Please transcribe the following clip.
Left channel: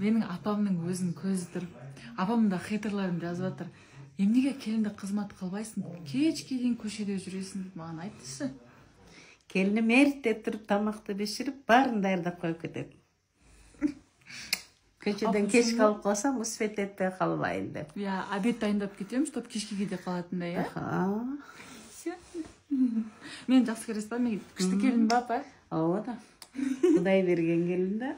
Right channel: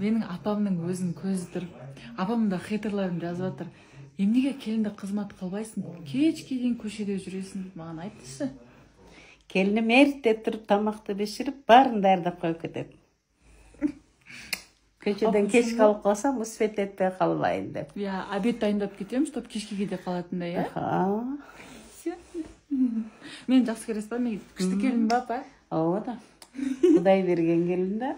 менің апамның өзінің көзі тұр. Апам да хейтерлерім жазып жатыр. Емнеге келінді қызмат қылбайсың? Кешке дейін көшеде жүресің деп маған айтышы. Келінім ерте тұрып тамақты бешіріп, барын дайындап қойып кетеді. Көшеден кеш қалып қалсам, успет етпей қалмайын деп. Я, обед дайындап кетемін, чтоб кешке де қалатындай, я? Мен жақсы көресіз ба? Мен күшті келін ба, апа? О да. Құдай берген келін да.